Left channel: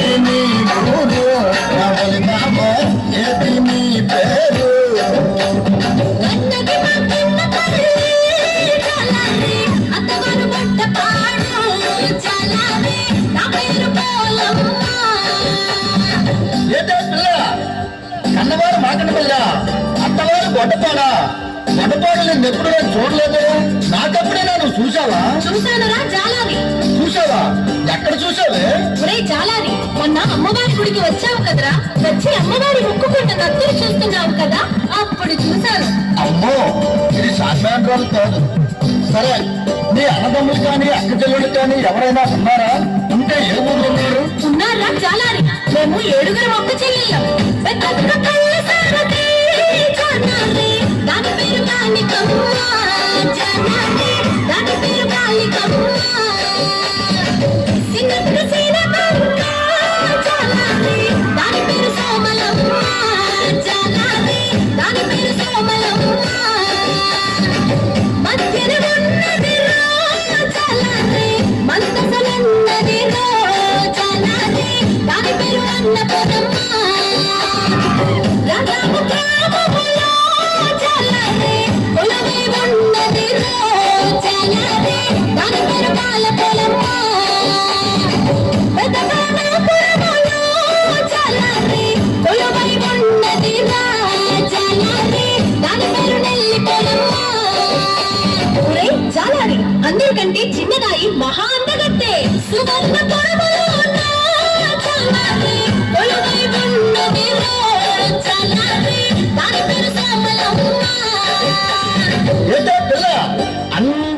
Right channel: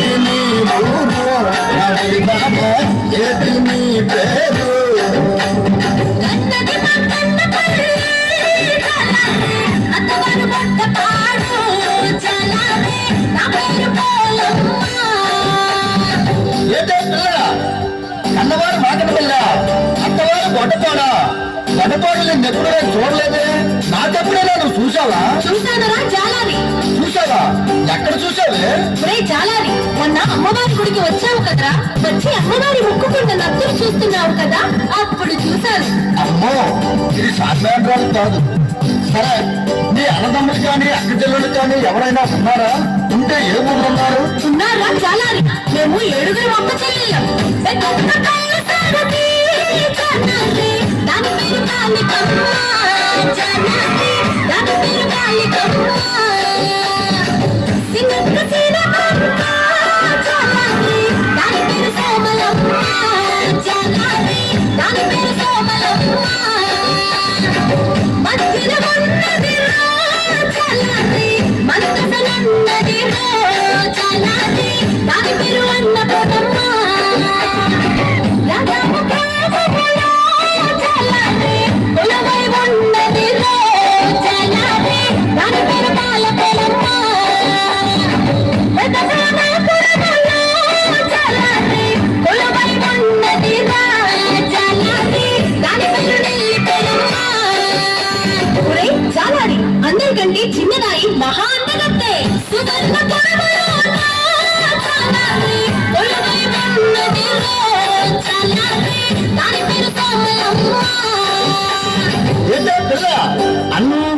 ఏది నీ నేను ఎప్పుడు నేను చూడలేదే? నాకెప్పుడైనా నువ్వు చూసావా? చూసానరా చాలాని చూసావా? ఎక్కడ చూసావే? ఒరే చాలాని మొన్న అమ్మవారి గుడికి వచ్చావు కదరా? వచ్చి అమ్మవారి మొక్కుకుంటున్న నత్తులు చూస్తున్నావు కదా అప్పుడు చూశాను. అమ్మో ఇది సాధారణ రోజు కాదు. సరే నీ అన్నదమ్ములు కానీ అక్క కానీ ఎవరైనా ఉన్నారా? ఉంటే ఏ ఊరు ఉన్నారు ఉన్నారా చాలాని మేము ఏడుగురు మొక్క చెల్లెళ్ళం అందరికంటే చిన్నదాయి మహా అందగత్తే. సుగంధ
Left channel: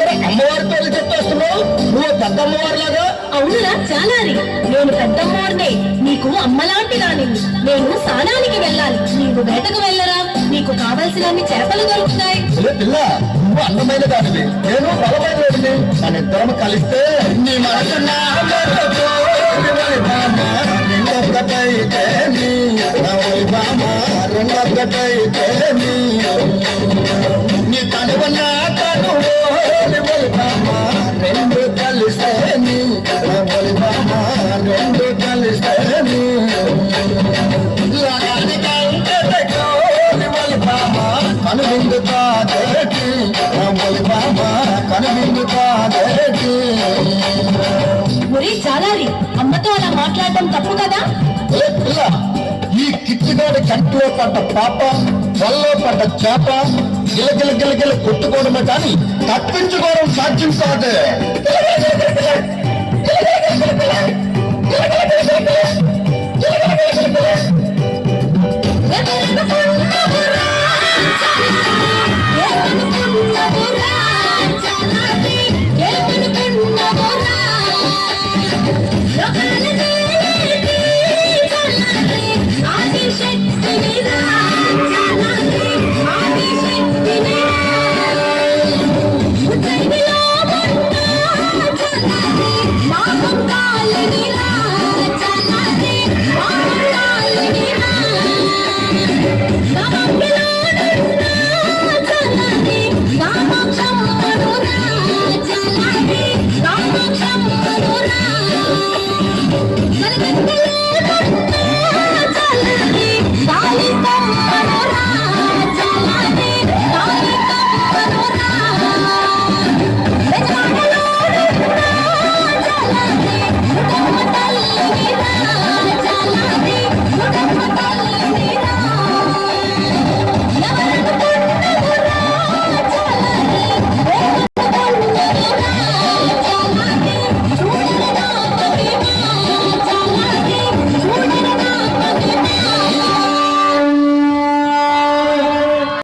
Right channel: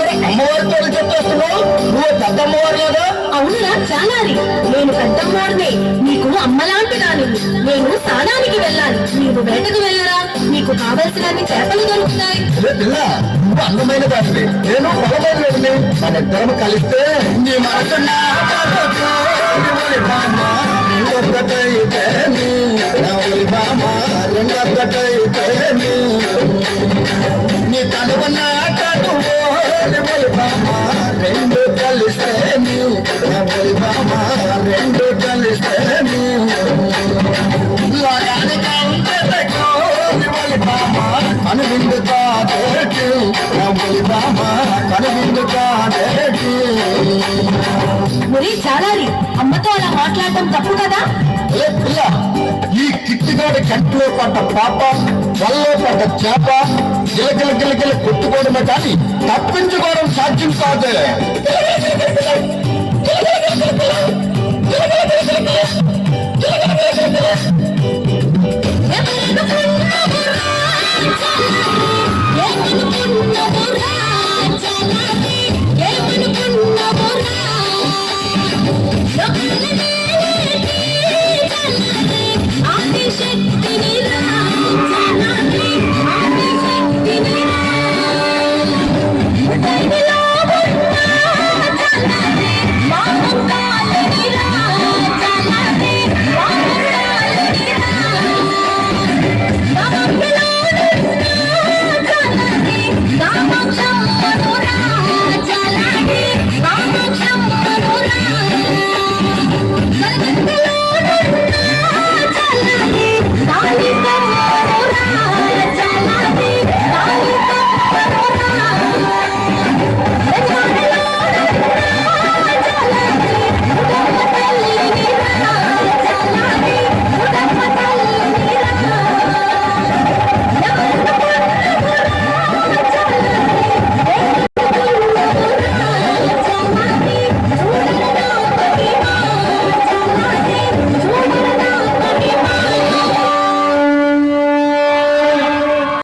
దాని పేరు అందరూ చెప్పేస్తున్నావు? నువ్వు పెద్ద అమ్మవారిలాగా అవునురా చాలాని నేను పెద్దమ్మోడిదే నీకు అమ్మలాంటి దాని నేను స్నానానికి వెళ్ళాలి. నీవు వేటకు వెళ్ళరా నీకు కావలసినన్ని చేపలు దొరుకుతాయి. పిల్ల నువ్వు అందమైన దానివి. నేను బలమైన వాడిని. మన ఇద్దరం కలిస్తే నీ మనసున్న ఆకాశపు రివలి భామ, నీ రవలి భామ, మరి చాలాని అమ్మతో అలా మాట్లాడటం తప్పు కదా? ఈ కిచ్చిగాడి కంటిలో పడ్డ పాప వల్లో పడ్డ చేప గిలగిల గిలగిల కొట్టుకోవడమే కానీ తప్పించుకోవడం సాధ్యం కాదు.